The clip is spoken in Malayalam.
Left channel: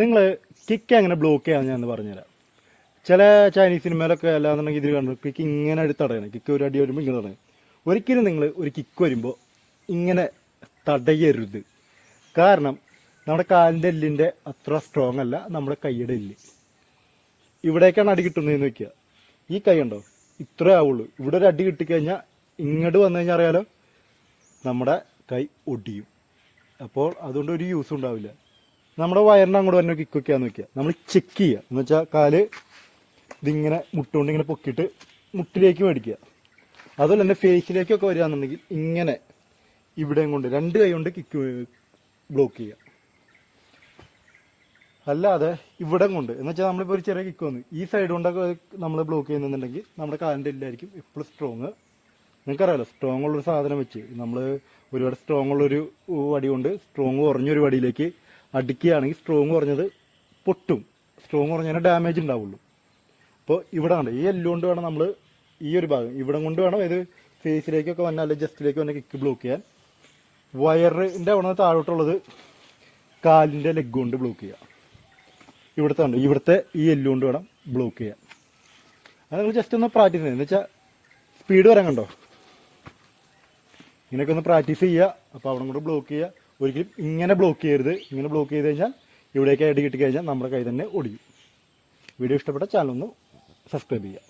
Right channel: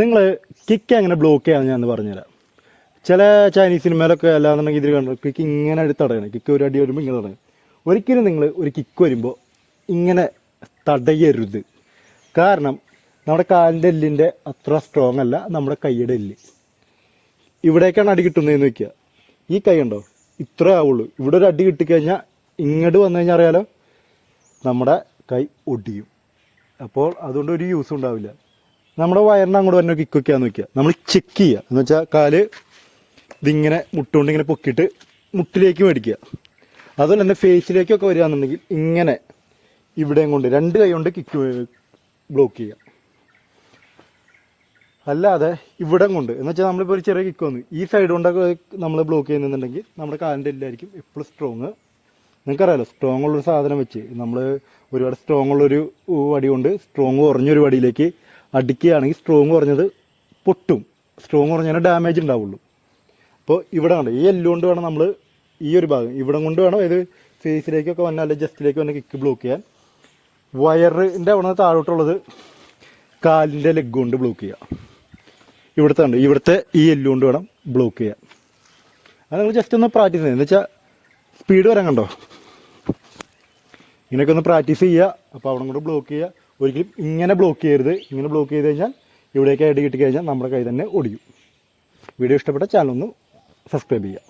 നിങ്ങൾ കിക്ക് എങ്ങനെ ബ്ലോക്ക് ചെയ്യാമെന്ന് ഞാൻ പറഞ്ഞുതരാം. ചില ചൈനീസ് സിനിമയിലൊക്കെ അല്ലാന്നുണ്ടെങ്കിൽ ഇതിൽ കണ്ടു കിക്ക് ഇങ്ങനെ എടുത്ത് തടയണം. കിക്ക് ഒരു അടി വരുമ്പോൾ ഇങ്ങനെ തടയണം. ഒരിക്കലും നിങ്ങൾ ഒരു കിക്ക് വരുമ്പോൾ ഇങ്ങനെ തടയരുത്. കാരണം നമ്മുടെ കാലിൻ്റെ എല്ലിൻ്റെ അത്ര സ്ട്രോങ് അല്ല നമ്മുടെ കൈയുടെ എല്ല്. ഇവിടേക്കാണ് അടി കിട്ടുന്നതെന്ന് വെക്കുക. ഈ കൈ ഉണ്ടോ ഇത്രേ ആവുള്ളൂ. ഇവിടെ ഒരു അടി കിട്ടിക്കഴിഞ്ഞാൽ ഇങ്ങോട്ട് വന്നു കഴിഞ്ഞാൽ അറിയാലോ നമ്മുടെ കൈ ഒടിയും. അപ്പോൾ അതുകൊണ്ട് ഒരു യൂസും ഉണ്ടാവില്ല. നമ്മുടെ വയറിന് അങ്ങോട്ട് തന്നെ കിക്കൊക്കെയാന്ന് വെക്കുക. നമ്മൾ ചെക്ക് ചെയ്യുക എന്ന് വെച്ചാൽ കാല് ഇതിങ്ങനെ മുട്ടുകൊണ്ട് ഇങ്ങനെ പൊക്കിയിട്ട് മുട്ടിലേക്ക് മേടിക്കുക. അതുപോലെ തന്നെ ഫേസിലേക്കൊക്കെ വരികയാണെന്നുണ്ടെങ്കിൽ ഇങ്ങനെ ഇവിടെയും കൊണ്ട് രണ്ട് കൈ കൊണ്ട് കിക്ക് ബ്ലോക്ക് ചെയ്യുക. അല്ലാതെ ഇവിടെ കൊണ്ട് എന്ന് വെച്ചാൽ നമ്മളിപ്പോൾ ഒരു ചെറിയ കിക്ക് വന്നു ഈ സൈഡ് കൊണ്ടൊക്കെ നമ്മൾ ബ്ലോക്ക് ചെയ്യുന്നുണ്ടെങ്കിൽ നമ്മുടെ കാലിൻ്റെ എല്ലായിരിക്കും എപ്പോഴും സ്ട്രോങ്. നിങ്ങൾക്കറിയാലോ സ്ട്രോങ് ഉള്ളൊരു സാധനം വെച്ച് നമ്മൾ ഒരുപാട് സ്ട്രോങ് ഉള്ളൊരു വടി കൊണ്ട് സ്ട്രോങ് കുറഞ്ഞൊരു വടിയിലേക്ക് അടിക്കുകയാണെങ്കിൽ സ്ട്രോങ് കുറഞ്ഞത് പൊട്ടും. സ്ട്രോങ് കുറഞ്ഞാൽ ഡാമേജ് ഉണ്ടാവുള്ളൂ. അപ്പോൾ ഇവിടെ ഉണ്ട് ഈ എല്ലുകൊണ്ട് വേണം നമ്മൾ ഈ ഒരു ഭാഗം ഇവിടെ കൊണ്ട് വേണം ഇത് ഫേസിലേക്കൊക്കെ വന്നാൽ അല്ലെങ്കിൽ ജസ്റ്റിലേക്ക് വന്നാൽ കിക്ക് ബ്ലോക്ക് ചെയ്യാൻ. വയറിൻ്റെ അവിടെ നിന്ന് താഴോട്ടുള്ളത് കാലിൻ്റെ ലെഗ് കൊണ്ട് ബ്ലോക്ക് ചെയ്യുക. ഇവിടുത്തെ ഈ എല്ലുകൊണ്ട് വേണം ബ്ലോക്ക് ചെയ്യാൻ. അത് നിങ്ങൾ ജസ്റ്റ് ഒന്ന് പ്രാക്ടീസ് ചെയ്യുക. എന്ന് വെച്ചാൽ സ്പീഡ് വരാൻ കണ്ടോ ഇങ്ങനെയൊക്കെ ഒന്ന് പ്രാക്ടീസ് ചെയ്യുക. അപ്പോൾ അവിടെ കൊണ്ട് ബ്ലോക്ക് ചെയ്യുക. ഒരിക്കലും ഇങ്ങനെ ബ്ലോക്ക് ചെയ്യരുത്. ഇങ്ങനെ ബ്ലോക്ക് ചെയ്ത് കഴിഞ്ഞാൽ ഇവിടേക്ക് അടി കിട്ടിക്കഴിഞ്ഞാൽ നമ്മുടെ കൈ തന്നെ ഒടിയും. വീഡിയോ ഇഷ്ടപ്പെട്ട ചാനൽ ഒന്ന് സബ്സ്ക്രൈബ് ചെയ്യുക.